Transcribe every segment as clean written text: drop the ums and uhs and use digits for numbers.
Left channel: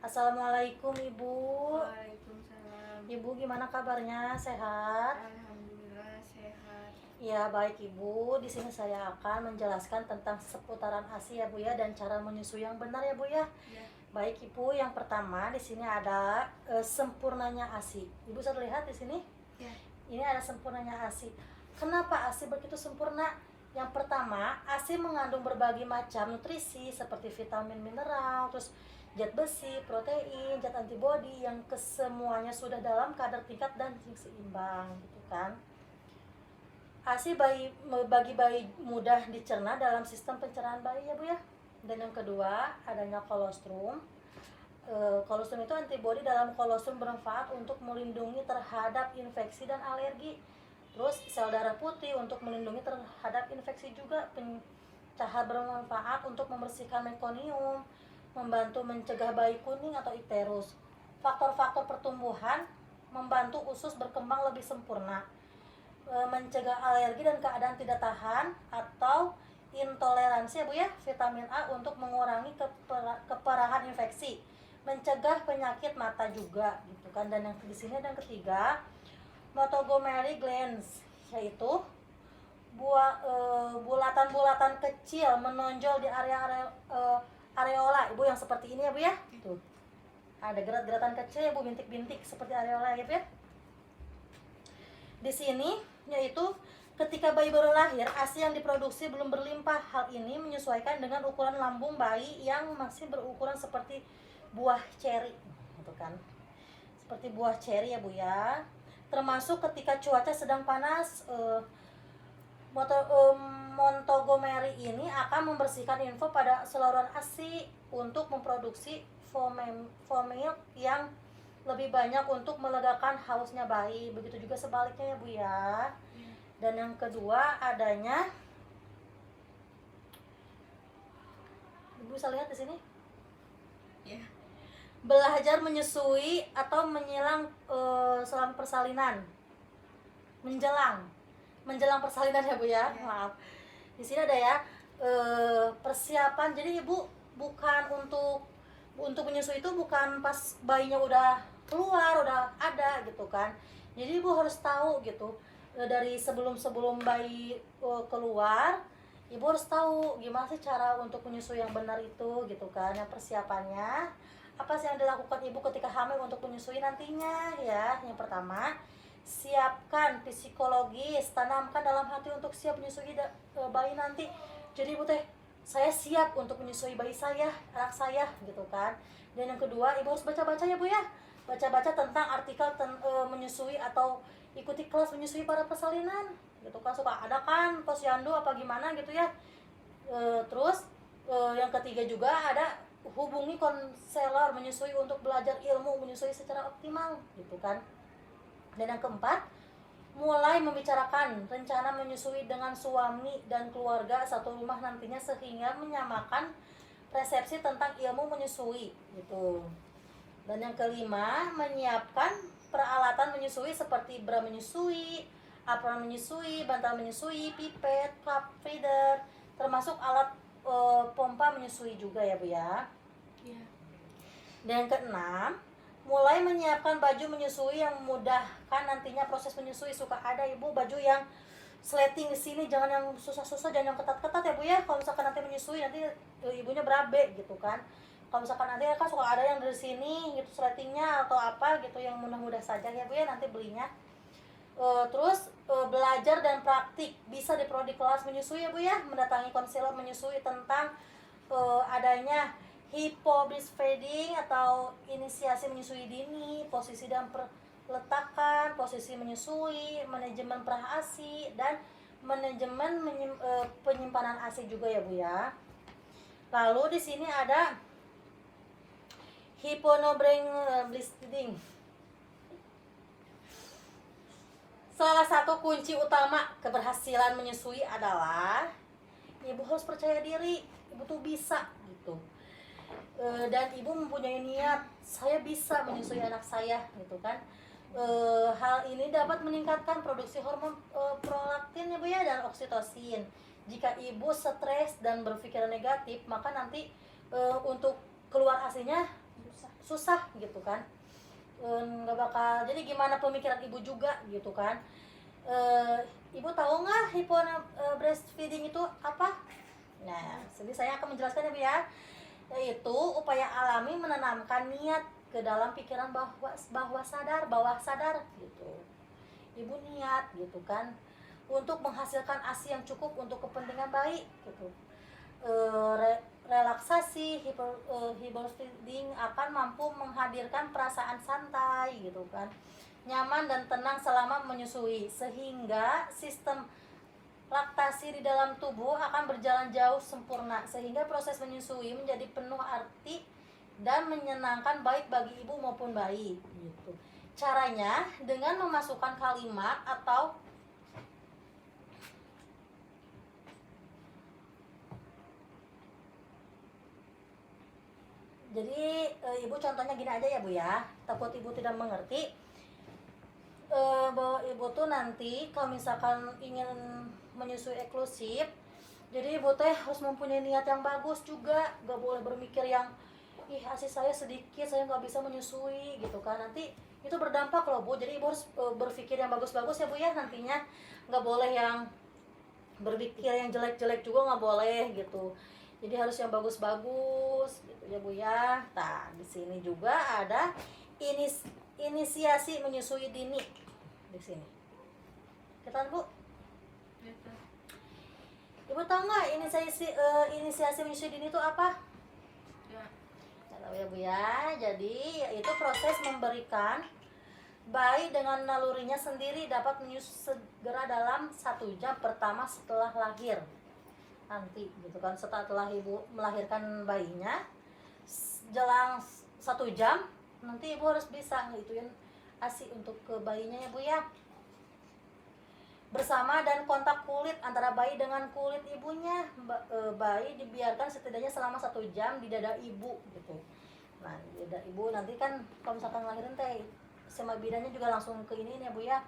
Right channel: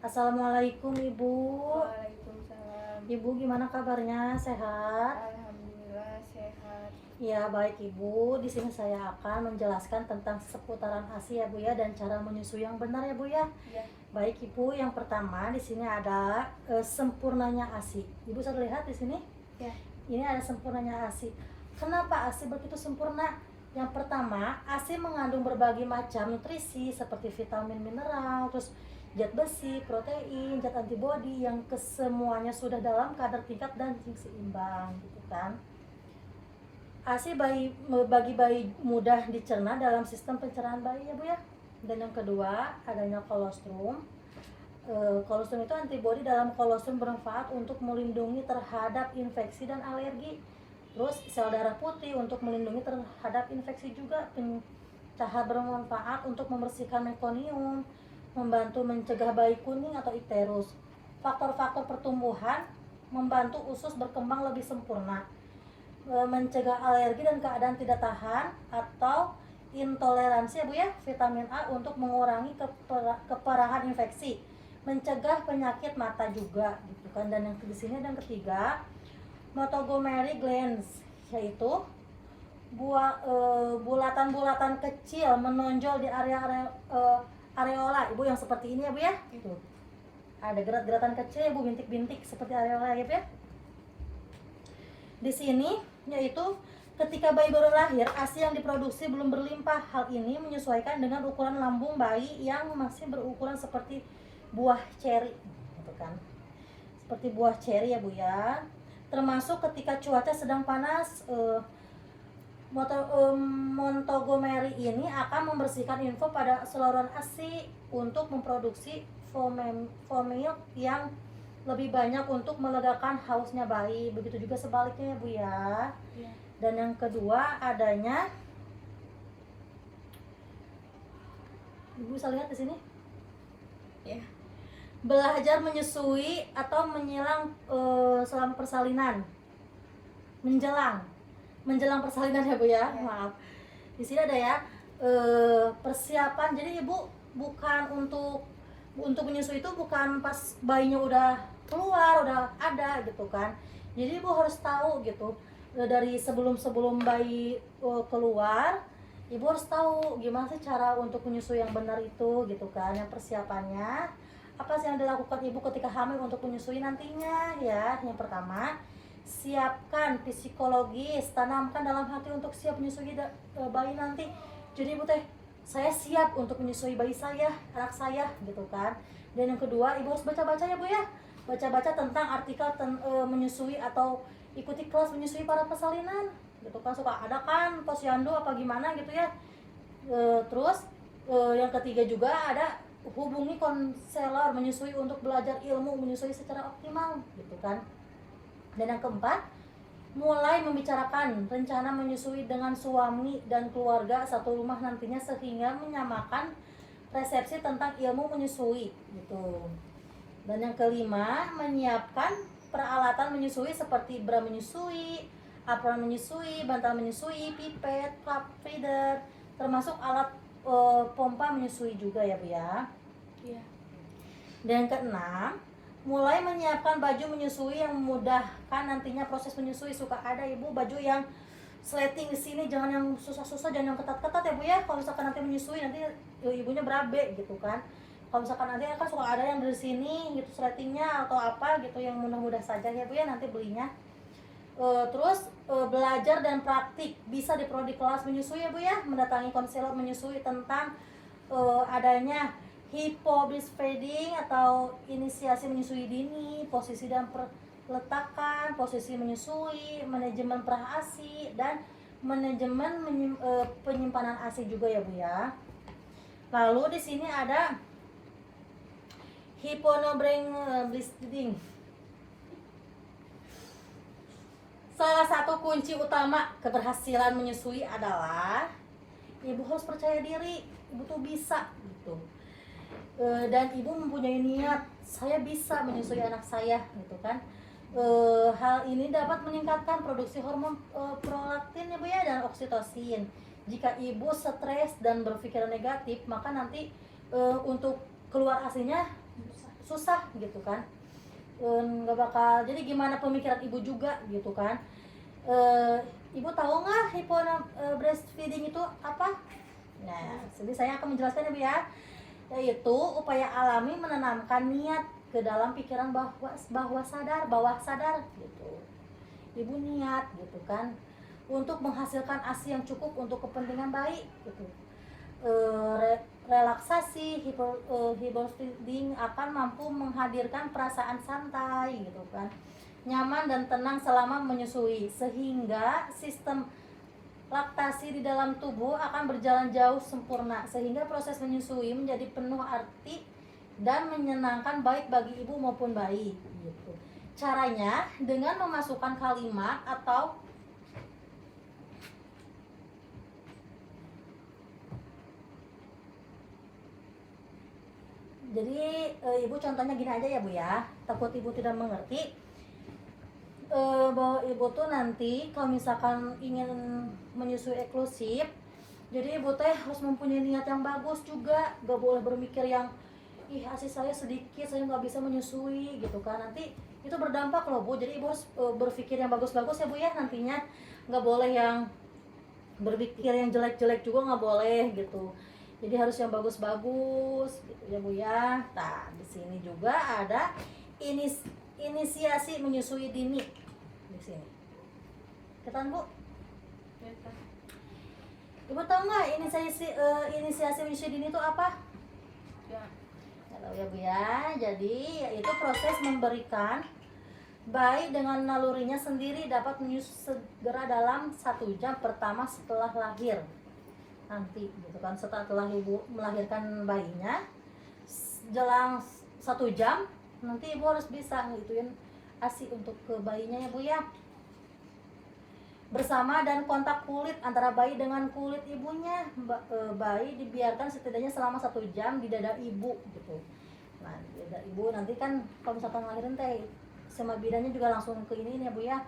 Assalamualaikum Ibu. Waalaikumsalam. Ibu gimana kabarnya? Sehat? Alhamdulillah sehat. Ya baik Ibu. Di sini saya akan menjelaskan tentang seputaran ASI ya Bu ya, dan cara menyusui yang benar ya Bu ya. Ya. Baik Ibu, yang pertama di sini ada sempurnanya ASI. Ibu sudah lihat di sini? Ya. Ini ada sempurnanya ASI. Kenapa ASI begitu sempurna? Yang pertama, ASI mengandung berbagai macam nutrisi seperti vitamin, mineral, terus zat besi, protein, zat antibodi yang kesemuanya sudah dalam kadar tingkat dan seimbang gitu kan. ASI bagi bayi mudah dicerna dalam sistem pencernaan bayi ya Bu ya. Dan yang kedua, adanya kolostrum. Kolostrum itu antibodi dalam kolostrum bermanfaat untuk melindungi terhadap infeksi dan alergi. Terus sel darah putih untuk melindungi terhadap infeksi juga. Pencahar bermanfaat untuk membersihkan mekonium, membantu mencegah bayi kuning atau icterus. Faktor-faktor pertumbuhan membantu usus berkembang lebih sempurna, mencegah alergi dan keadaan tidak tahan atau intoleransi ya Bu ya. Vitamin A untuk mengurangi keparahan infeksi, mencegah penyakit mata juga gitu kan. Dan yang di sini dan ketiga, Montgomery glands, yaitu bulatan-bulatan kecil menonjol di area areola Ibu yang seperti ini ya Bu ya. Tuh. Ada gerat-geratan kecil Ibu, bintik-bintik seperti areola ya Bu ya. Di sini yaitu ketika bayi baru lahir, ASI yang diproduksi belum berlimpah. Hal ini menyesuaikan dengan ukuran lambung bayi yang masih berukuran seperti buah ceri gitu kan. Seperti buah ceri ya Bu ya. Termasuk ketika cuaca sedang panas, Montgomery ini akan membersihkan info pada saluran ASI untuk memproduksi formil yang lebih banyak untuk melegakan hausnya bayi. Begitu juga sebaliknya ya Bu ya. Ya. Dan yang kedua, adanya, Ibu bisa lihat di sini? Ya. Belajar menyusui atau menjelang selama persalinan. Menjelang persalinan ya Bu ya. Maaf. Di sini ada ya persiapan. Jadi Ibu bukan untuk menyusui itu bukan pas bayinya udah keluar, udah ada gitu kan. Jadi Ibu harus tahu gitu dari sebelum bayi keluar, Ibu harus tahu gimana sih cara untuk menyusui yang benar itu gitu kan. Yang persiapannya apa sih yang dilakukan Ibu ketika hamil untuk menyusui nantinya ya. Yang pertama, siapkan psikologis, tanamkan dalam hati untuk siap menyusui bayi nanti. Jadi Ibu teh, saya siap untuk menyusui bayi saya, anak saya gitu kan. Dan yang kedua, Ibu harus baca-baca ya Bu ya. Baca-baca tentang artikel menyusui atau ikuti kelas menyusui para persalinan gitu kan. Suka ada kan posyandu apa gimana gitu ya. Terus yang ketiga juga ada hubungi konselor menyusui untuk belajar ilmu menyusui secara optimal gitu kan. Dan yang keempat, mulai membicarakan rencana menyusui dengan suami dan keluarga satu rumah nantinya sehingga menyamakan persepsi tentang ilmu menyusui gitu. Dan yang kelima, menyiapkan peralatan menyusui seperti bra menyusui, apron menyusui, bantal menyusui, pipet, cup feeder, termasuk alat pompa menyusui juga ya Bu ya. Ya. Dan yang keenam, mulai menyiapkan baju menyusui yang memudahkan nantinya proses menyusui. Suka ada Ibu baju yang sleting di sini, jangan yang susah-susah, jangan yang ketat-ketat ya Bu ya. Kalau misalkan nanti menyusui nanti ibunya berabe gitu kan. Kalau misalkan nanti kan suka ada yang dari sini gitu sletingnya atau apa gitu yang mudah-mudah saja ya Bu ya nanti belinya. Terus belajar dan praktik bisa di prodi kelas menyusui ya Bu ya, mendatangi konselor menyusui tentang adanya hypobreastfeeding atau inisiasi menyusui dini, posisi dan perletakan, posisi menyusui, manajemen perah ASI, dan manajemen penyimpanan ASI juga ya Bu ya. Lalu di sini ada hypobreastfeeding. Salah satu kunci utama keberhasilan menyusui adalah Ibu harus percaya diri, Ibu tuh bisa gitu. Dan Ibu mempunyai niat, saya bisa menyusui anak saya gitu kan. Hal ini dapat meningkatkan produksi hormon prolaktin ya Bu ya, dan oksitosin. Jika Ibu stres dan berpikiran negatif, maka nanti untuk keluar aslinya susah gitu kan. Nggak bakal, jadi gimana pemikiran ibu juga gitu kan. Ibu tahu nggak hypno breastfeeding itu apa? Nah, jadi saya akan menjelaskan ya Bu ya, yaitu upaya alami menanamkan niat ke dalam pikiran bawah sadar gitu. Ibu niat gitu kan untuk menghasilkan ASI yang cukup untuk kepentingan bayi gitu. Relaksasi hypnofeeding akan mampu menghadirkan perasaan santai gitu kan, nyaman dan tenang selama menyusui, sehingga sistem laktasi di dalam tubuh akan berjalan jauh sempurna, sehingga proses menyusui menjadi penuh arti dan menyenangkan baik bagi ibu maupun bayi gitu. Caranya dengan memasukkan kalimat atau jadi ibu contohnya gini aja ya Bu ya, takut ibu tidak mengerti. Bahwa ibu tuh nanti kalau misalkan ingin menyusui eksklusif, jadi ibu teh harus mempunyai niat yang bagus juga, gak boleh berpikir yang ih ASI saya sedikit, saya nggak bisa menyusui gitu kan, nanti itu berdampak loh Bu. Jadi ibu harus berpikir yang bagus-bagus ya Bu ya nantinya, nggak boleh yang berpikir yang jelek-jelek juga nggak boleh gitu. Jadi harus yang bagus-bagus gitu ya Bu ya. Nah di sini juga ada inisiasi menyusui dini di sini. Ketan Bu? Ibu tahu nggak inisiasi menyusui dini itu apa? Ya. Tahu ya Bu ya. Jadi yaitu proses memberikan bayi dengan nalurinya sendiri dapat menyusui segera dalam 1 jam pertama setelah lahir. Nanti gitu kan, setelah ibu melahirkan bayinya, jelang 1 jam nanti ibu harus bisa ngituin ASI untuk ke bayinya ya Bu ya, bersama dan kontak kulit antara bayi dengan kulit ibunya. Bayi dibiarkan setidaknya selama 1 jam di dada ibu gitu. Nah di dada ibu nanti kan kalau misalkan ngelahirin teh sama bidannya juga langsung ke ini ya Bu ya.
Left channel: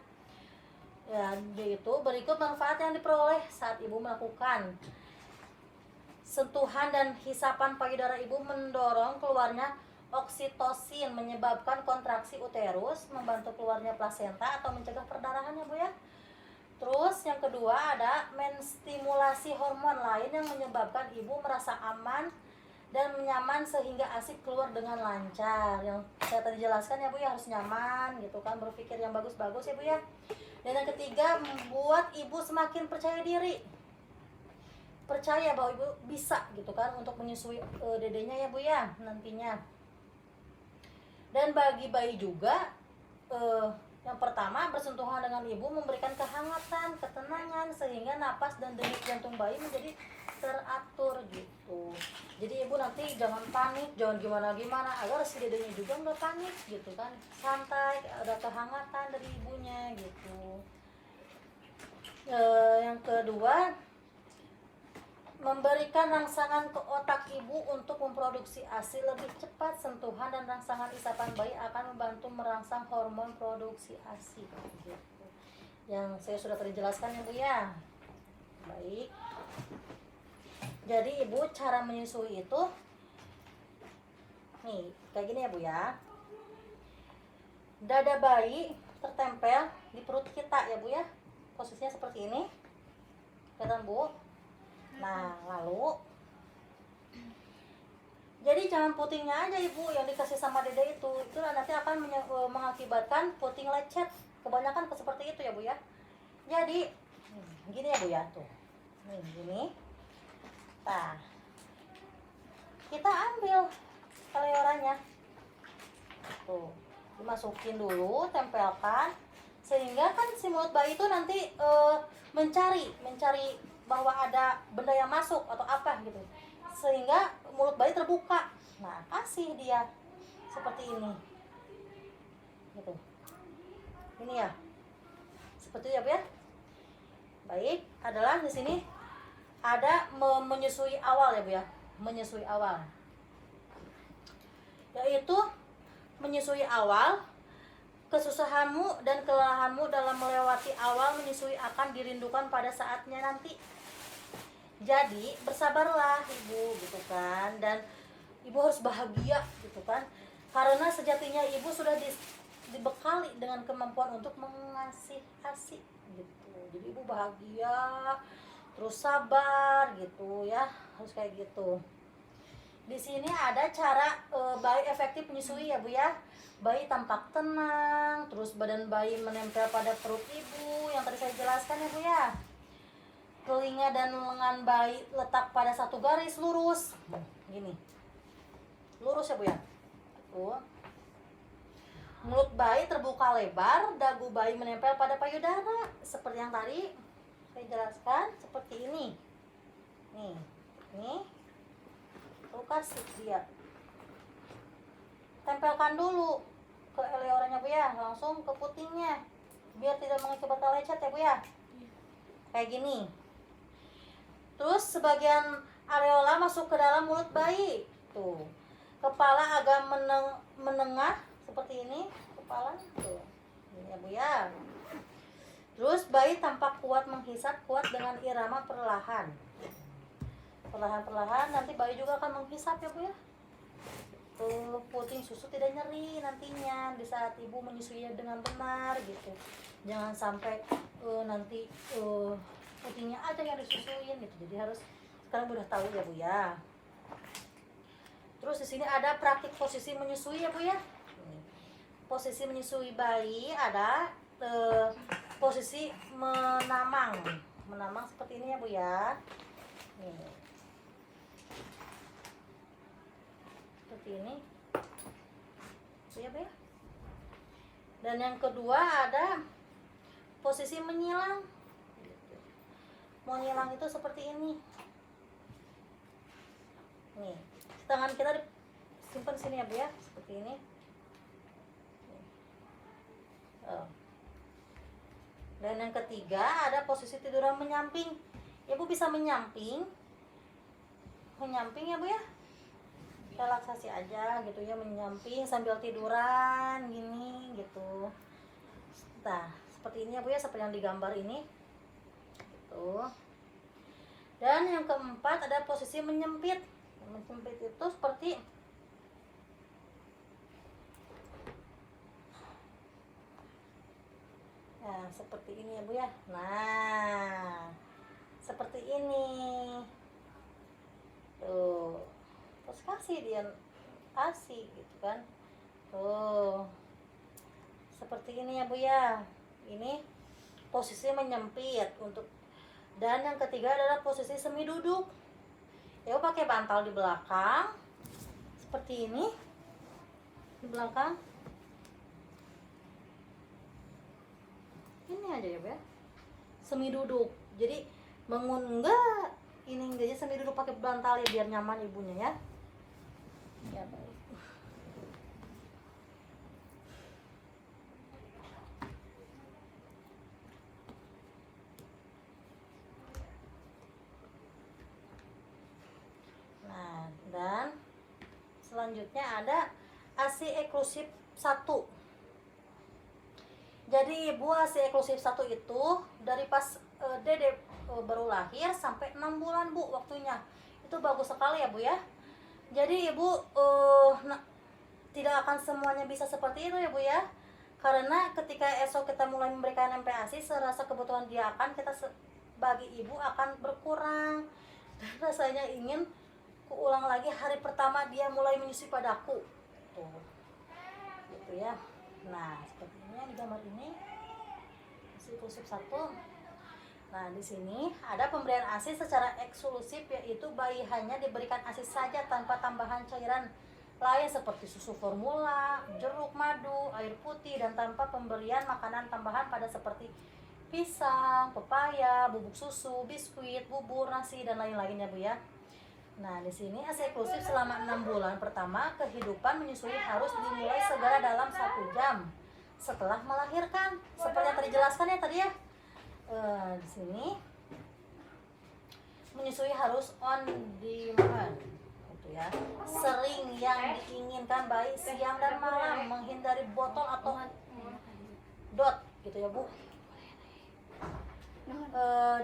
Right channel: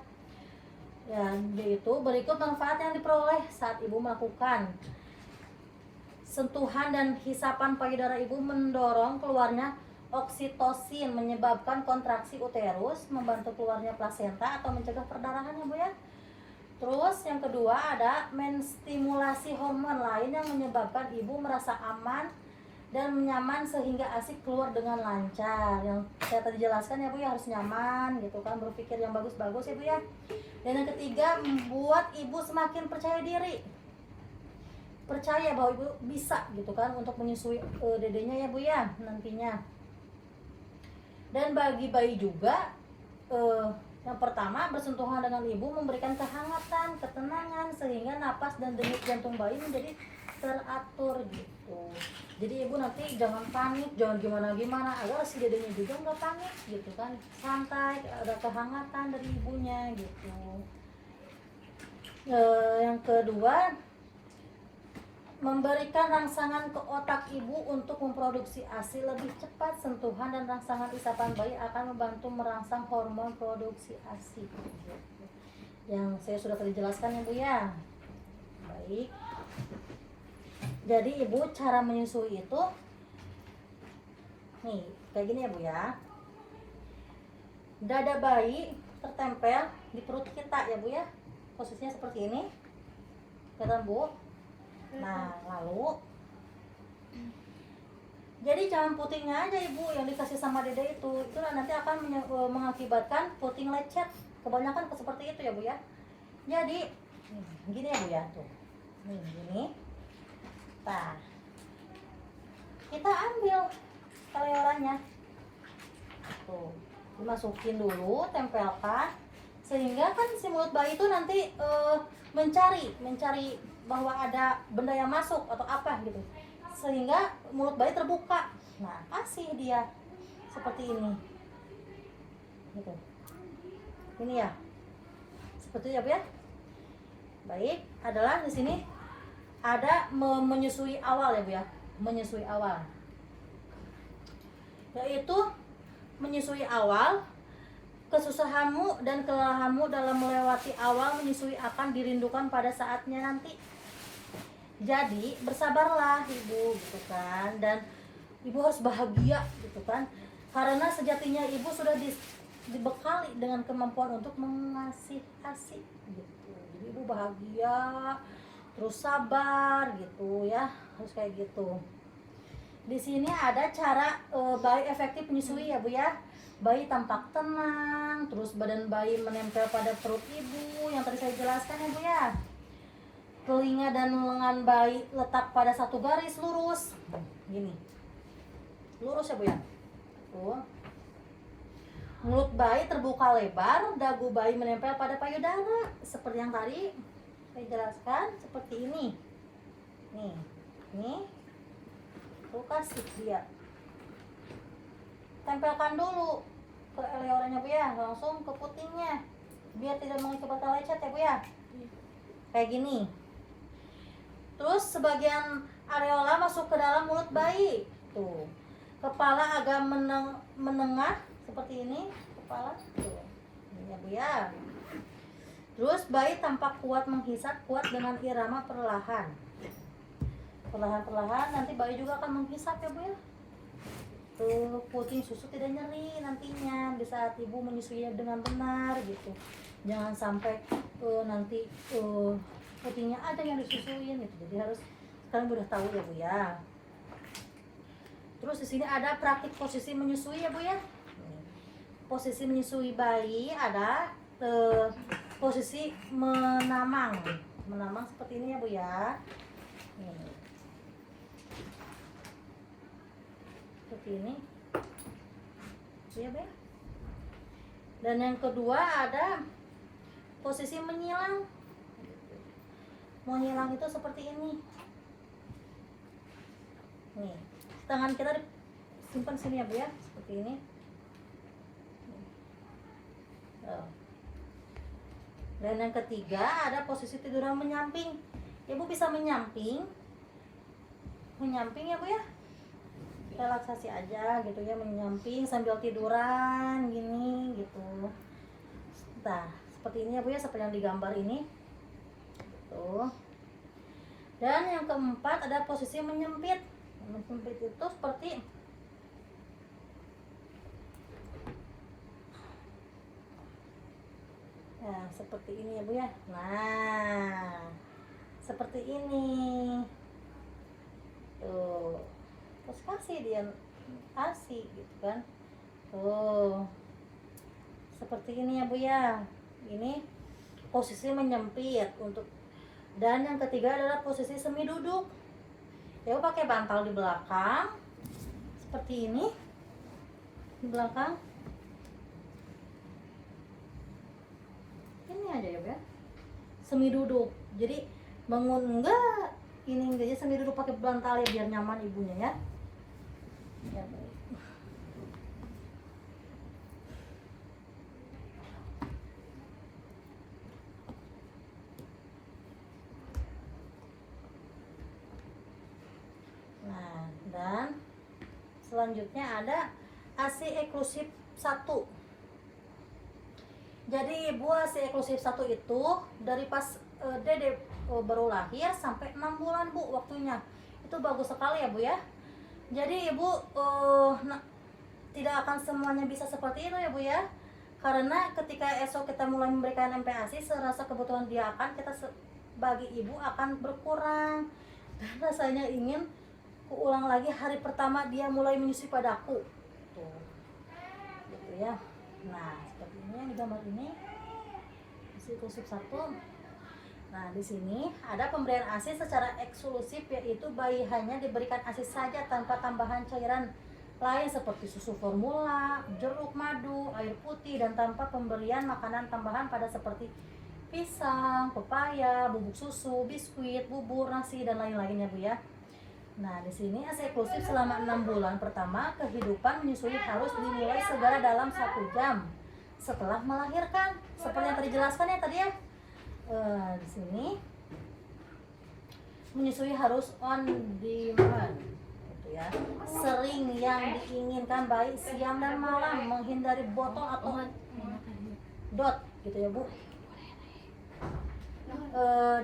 Ya gitu. Berikut manfaat yang diperoleh saat ibu melakukan sentuhan dan hisapan payudara ibu, mendorong keluarnya oksitosin, menyebabkan kontraksi uterus, membantu keluarnya plasenta atau mencegah perdarahan ya Bu ya. Terus yang kedua ada menstimulasi hormon lain yang menyebabkan ibu merasa aman dan nyaman sehingga ASI keluar dengan lancar. Yang saya tadi jelaskan ya Bu ya, harus nyaman gitu kan, berpikir yang bagus-bagus ya Bu ya. Dan yang ketiga membuat ibu semakin percaya diri, percaya bahwa ibu bisa gitu kan untuk menyusui dedenya ya Bu ya nantinya. Dan bagi bayi juga yang pertama, bersentuhan dengan ibu memberikan kehangatan, ketenangan sehingga napas dan denyut jantung bayi menjadi teratur gitu. Jadi ibu nanti jangan panik, jangan gimana-gimana, agar si dedenya juga nggak panik gitu kan, santai, ada kehangatan dari ibunya gitu. Yang kedua, memberikan rangsangan ke otak ibu untuk memproduksi ASI lebih cepat. Sentuhan dan rangsangan isapan bayi akan membantu merangsang hormon produksi ASI gitu. Yang saya sudah tadi jelaskan ya Bu ya. Baik. Jadi ibu cara menyusui itu nih kayak gini ya Bu ya. Dada bayi tertempel di perut kita ya Bu ya. Posisinya seperti ini. Kelihatan Bu? Nah lalu jadi jangan putingnya aja ibu yang dikasih sama dede itu nanti akan mengakibatkan puting lecet, kebanyakan seperti itu ya Bu ya. Jadi gini ya Bu ya, tuh nih gini, nah kita ambil teleorannya tuh, dimasukin dulu, tempelkan sehingga kan si mulut bayi itu nanti mencari bahwa ada benda yang masuk atau apa gitu, sehingga mulut bayi terbuka. Nah ASI dia seperti ini gitu, ini ya seperti itu ya Bu ya. Baik, adalah di sini ada menyusui awal ya Bu ya, menyusui awal, yaitu menyusui awal. Kesusahanmu dan kelelahanmu dalam melewati awal menyusui akan dirindukan pada saatnya nanti. Jadi bersabarlah ibu gitu kan, dan ibu harus bahagia gitu kan. Karena sejatinya ibu sudah dibekali dengan kemampuan untuk mengasih ASI gitu. Jadi ibu bahagia, terus sabar gitu ya, harus kayak gitu. Di sini ada cara bayi efektif menyusui ya Bu ya. Bayi tampak tenang, terus badan bayi menempel pada perut ibu yang tadi saya jelaskan ya Bu ya. Telinga dan lengan bayi letak pada satu garis lurus. Gini. Lurus ya Bu ya. Tuh. Mulut bayi terbuka lebar, dagu bayi menempel pada payudara seperti yang tadi saya jelaskan, seperti ini. Nih. Tuh kasih dia. Tempelkan dulu ke eleornya Bu ya, langsung ke putingnya biar tidak mengakibatkan lecet ya Bu ya. Kayak gini. Terus sebagian areola masuk ke dalam mulut bayi. Tuh. Kepala agak menengah seperti ini, kepala tuh. Ini ya Bu ya. Terus bayi tampak kuat menghisap, kuat dengan irama perlahan. Perlahan-perlahan nanti bayi juga akan menghisap ya Bu ya. Puting susu tidak nyeri nantinya di saat ibu menyusuinya dengan benar gitu. Jangan sampai nanti putingnya ada yang disusuin gitu. Jadi harus sekarang udah tahu ya Bu ya. Terus di sini ada praktik posisi menyusui ya Bu ya. Posisi menyusui bayi ada posisi menamang seperti ini ya Bu ya. Seperti ini ya Bu ya. Dan yang kedua ada posisi menyilang. Menyilang itu seperti ini. Nih, tangan kita simpan sini ya Bu ya, seperti ini. Dan yang ketiga ada posisi tiduran menyamping. Ibu bisa menyamping ya Bu ya. Relaksasi aja gitu ya, menyamping sambil tiduran gini gitu. Nah, seperti ini ya Bu ya, seperti yang digambar ini. Gitu. Dan yang keempat ada posisi menyempit. Menyempit itu seperti nah, seperti ini ya Bu ya. Nah, seperti ini. Tuh. Terus kasih dia ASI gitu kan. Tuh. Seperti ini ya Bu ya. Ini posisi menyempit untuk. Dan yang ketiga adalah posisi semi duduk. Ya Bu pakai bantal di belakang. Seperti ini. Di belakang. Ini aja ya Bu ya. Semi duduk. Jadi bangun enggak ini enggak, semi duduk pakai bantal ya biar nyaman ibunya ya. Ya baik. Nah, dan selanjutnya ada ASI eksklusif 1. Jadi ibu ASI eksklusif 1 itu dari pas dede baru lahir sampai 6 bulan Bu waktunya. Itu bagus sekali ya Bu ya. Jadi ibu tidak akan semuanya bisa seperti itu ya Bu ya. Karena ketika esok kita mulai memberikan MPASI, serasa kebutuhan dia akan kita bagi ibu akan berkurang. Dan rasanya ingin ulang lagi hari pertama dia mulai menyusui padaku. Tuh. Gitu ya. Nah, seperti ini yang digambar ini. ASI eksklusif 1. Nah, di sini ada pemberian ASI secara eksklusif, yaitu bayi hanya diberikan ASI saja tanpa tambahan cairan lain seperti susu formula, jeruk madu, air putih, dan tanpa pemberian makanan tambahan pada seperti pisang, pepaya, bubuk susu, biskuit, bubur, nasi, dan lain-lainnya Bu ya. Nah, di sini ASI eksklusif selama 6 bulan pertama kehidupan menyusui harus dimulai segera dalam 1 jam setelah melahirkan. Seperti yang tadi jelaskan ya tadi ya. Di sini menyusui harus on demand gitu ya. Sering yang diinginkan baik siang dan malam, menghindari botol atau dot gitu ya Bu.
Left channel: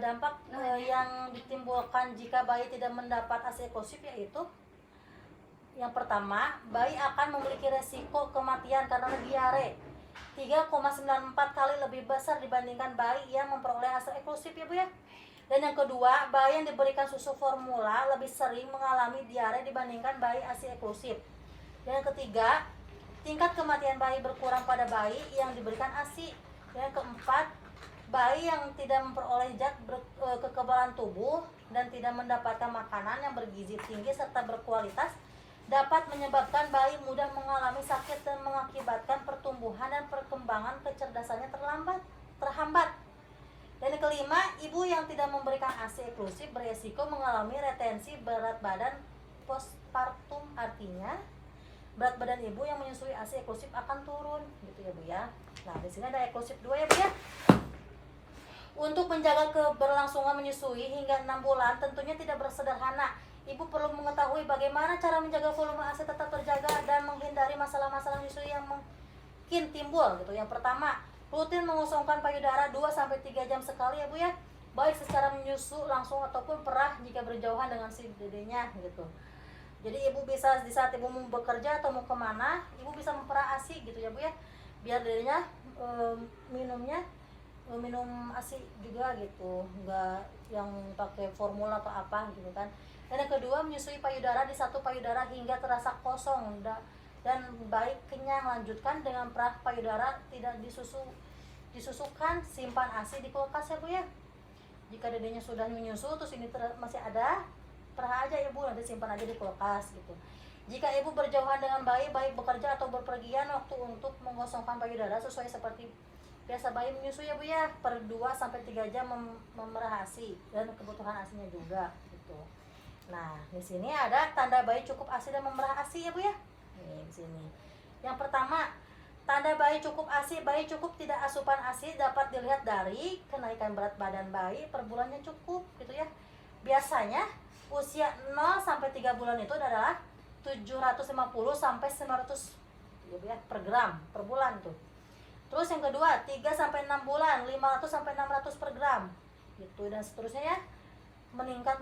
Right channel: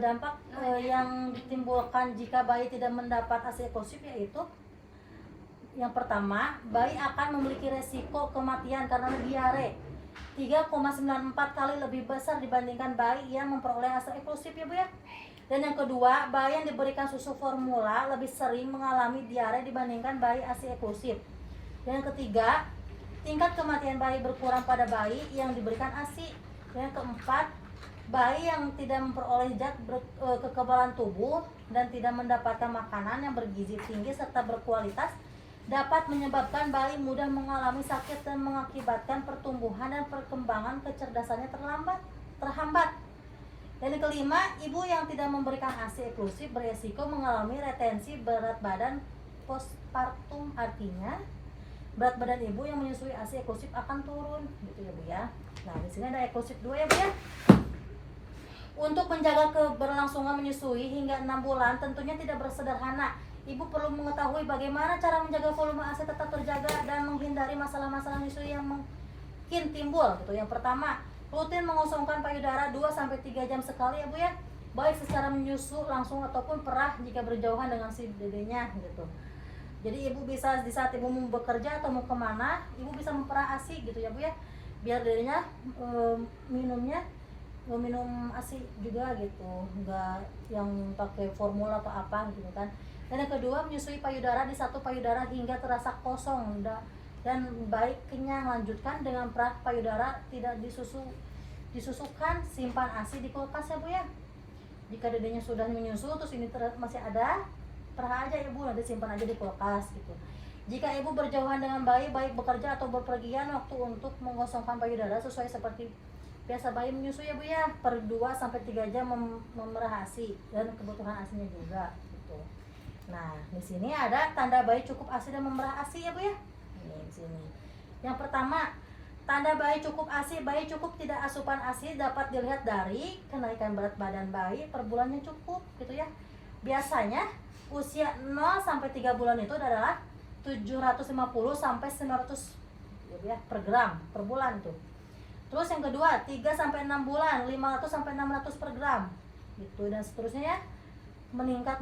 Dampak yang ditimbulkan jika bayi tidak mendapat ASI eksklusif yaitu Yang pertama, bayi akan memiliki resiko kematian karena diare 3,94 kali lebih besar dibandingkan bayi yang memperoleh hasil eksklusif ya Bu ya. Dan yang kedua, bayi yang diberikan susu formula lebih sering mengalami diare dibandingkan bayi ASI eksklusif. Dan yang ketiga, tingkat kematian bayi berkurang pada bayi yang diberikan ASI. Dan yang keempat, bayi yang tidak memperoleh zat kekebalan tubuh dan tidak mendapatkan makanan yang bergizi tinggi serta berkualitas dapat menyebabkan bayi mudah mengalami sakit dan mengakibatkan pertumbuhan dan perkembangan kecerdasannya terhambat. Dan yang kelima, ibu yang tidak memberikan ASI eksklusif beresiko mengalami retensi berat badan postpartum, artinya berat badan ibu yang menyusui ASI eksklusif akan turun gitu ya Bu ya. Nah, di sini ada eksklusif 2 ya Bu ya. Untuk menjaga keberlangsungan menyusui hingga 6 bulan tentunya tidak bersederhana. Ibu perlu mengetahui bagaimana cara menjaga volume ASI tetap terjaga dan menghindari masalah-masalah menyusui yang mungkin timbul gitu. Yang pertama, rutin mengosongkan payudara 2-3 jam sekali ya Bu ya. Baik secara menyusu langsung ataupun perah jika berjauhan dengan si dedenya gitu. Jadi ibu bisa di saat ibu mau bekerja atau mau kemana, ibu bisa memperah ASI gitu ya Bu ya. Biar dedenya minum ASI juga gitu, enggak yang pakai formula atau apa gitu kan. Dan yang kedua, menyusui payudara di satu payudara hingga terasa kosong dan baik kenyang. Lanjutkan dengan perah payudara tidak disusukan, simpan ASI di kulkas ya Bu ya. Jika dedenya sudah menyusu terus ini masih ada, perah aja ya Bu, nanti simpan aja di kulkas gitu. Jika ibu berjauhan dengan bayi, baik bekerja atau berpergian, waktu untuk mengosongkan payudara sesuai seperti biasa bayi menyusui ya Bu ya, per 2-3 jam memerah ASI dan kebutuhan ASInya juga gitu. Nah, di sini ada tanda bayi cukup ASI dan memerah ASI ya Bu ya. Nih, di sini. Yang pertama, tanda bayi cukup ASI. Bayi cukup tidak asupan ASI dapat dilihat dari kenaikan berat badan bayi per bulannya cukup gitu ya. Biasanya usia 0-3 bulan itu adalah 750 sampai 900 ya Bu ya, per gram per bulan tuh. Terus yang kedua, 3-6 bulan 500 sampai 600 per gram gitu, dan seterusnya ya, meningkat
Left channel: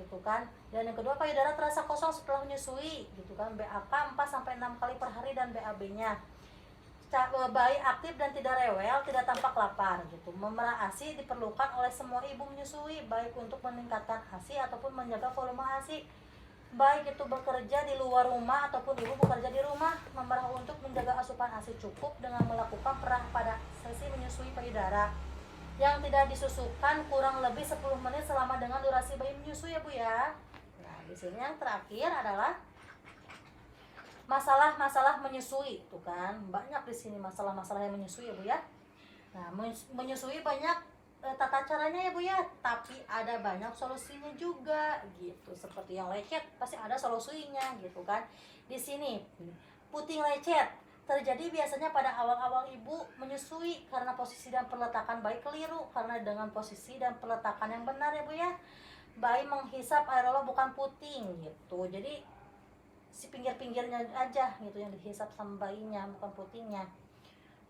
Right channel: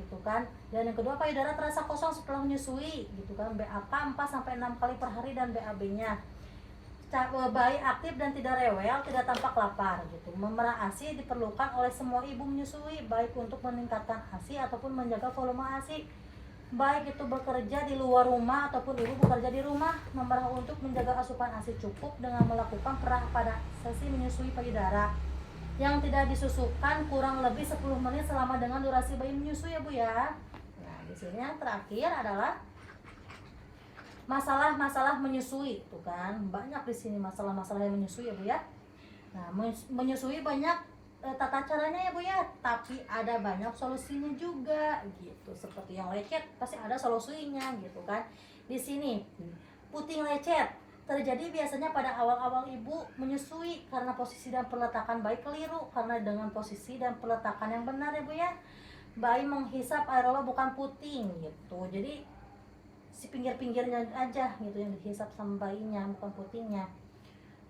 gitu kan. Dan yang kedua, payudara terasa kosong setelah menyusui gitu kan. BAK 4-6 kali per hari dan BAB-nya. Bayi aktif dan tidak rewel, tidak tampak lapar gitu. Memerah ASI diperlukan oleh semua ibu menyusui, baik untuk meningkatkan ASI ataupun menjaga volume ASI. Baik itu bekerja di luar rumah ataupun ibu bekerja di rumah, memerah untuk menjaga asupan ASI cukup dengan melakukan perah pada sesi menyusui payudara yang tidak disusukan kurang lebih 10 menit selama dengan durasi bayi menyusui ya Bu ya. Nah, di sini yang terakhir adalah masalah-masalah menyusui. Tuh kan, banyak di sini masalah-masalah yang menyusui ya Bu ya. Nah, menyusui banyak tata caranya ya Bu ya, tapi ada banyak solusinya juga gitu. Seperti yang lecet pasti ada solusinya gitu kan. Di sini puting lecet terjadi biasanya pada awal-awal ibu menyusui karena posisi dan peletakan bayi keliru. Karena dengan posisi dan peletakan yang benar ya Bu ya, bayi menghisap areola bukan puting gitu. Jadi si pinggir-pinggirnya aja gitu yang dihisap sama bayinya, bukan putingnya.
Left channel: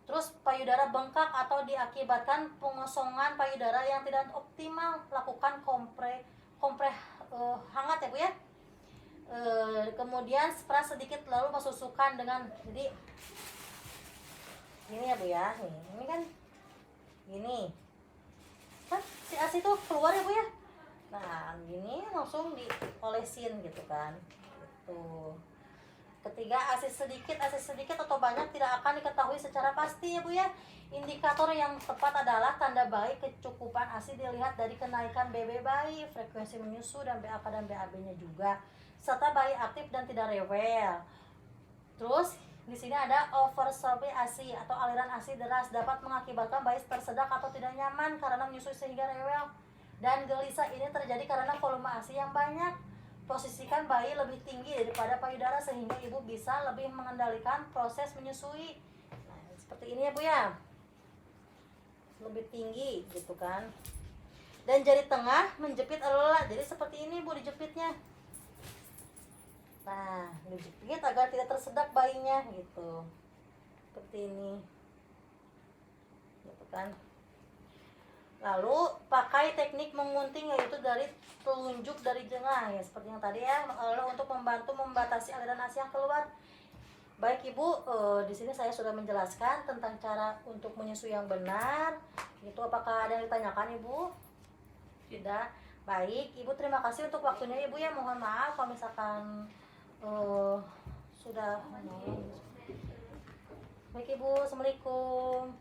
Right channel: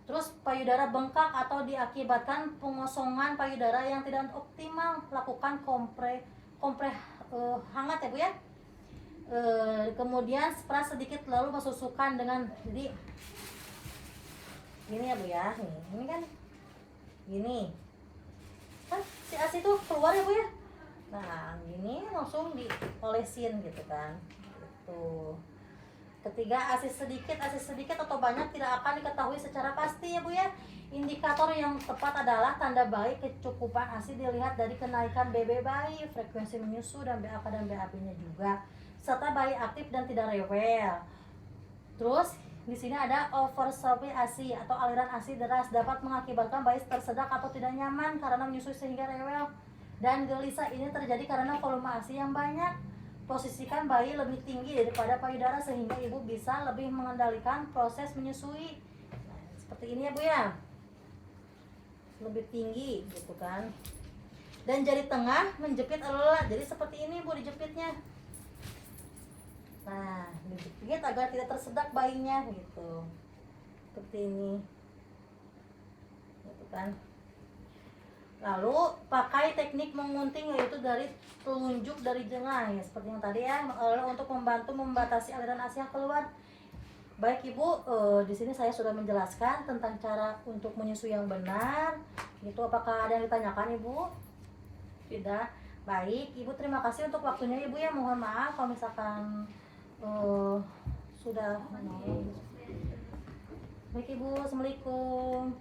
Terus payudara bengkak atau diakibatkan pengosongan payudara yang tidak optimal, lakukan kompres hangat ya Bu ya. Kemudian spray sedikit lalu masukkan dengan ini ya Bu ya. Ini kan gini kan si ASI itu keluar ya Bu ya. Nah, ini langsung diolesin gitu kan. Gitu. Ketiga, ASI sedikit atau banyak tidak akan diketahui secara pasti ya Bu ya. Indikator yang tepat adalah tanda bayi kecukupan ASI dilihat dari kenaikan BB bayi, frekuensi menyusu dan BAK dan BAB-nya juga, serta bayi aktif dan tidak rewel. Terus di sini ada oversupply ASI atau aliran ASI deras dapat mengakibatkan bayi tersedak atau tidak nyaman karena menyusui sehingga rewel. Dan gelisah ini terjadi karena volume ASI yang banyak. Posisikan bayi lebih tinggi daripada payudara sehingga ibu bisa lebih mengendalikan proses menyusui. Nah, seperti ini ya Bu ya. Lebih tinggi gitu kan. Dan jari tengah menjepit areola. Jadi seperti ini Bu dijepitnya. Nah, dijepit agar tidak tersedak bayinya gitu. Seperti ini. Gitu kan. Lalu pakai teknik mengunting, yaitu dari telunjuk dari jengah ya, seperti yang tadi ya, untuk membantu membatasi aliran ASI yang keluar. Baik Ibu, di sini saya sudah menjelaskan tentang cara untuk menyusui yang benar. Itu apakah ada yang ditanyakan Ibu? Tidak. Baik, Ibu terima kasih untuk waktunya Ibu ya. Mohon maaf kalau misalkan sudah menolong. Baik Ibu, Assalamualaikum.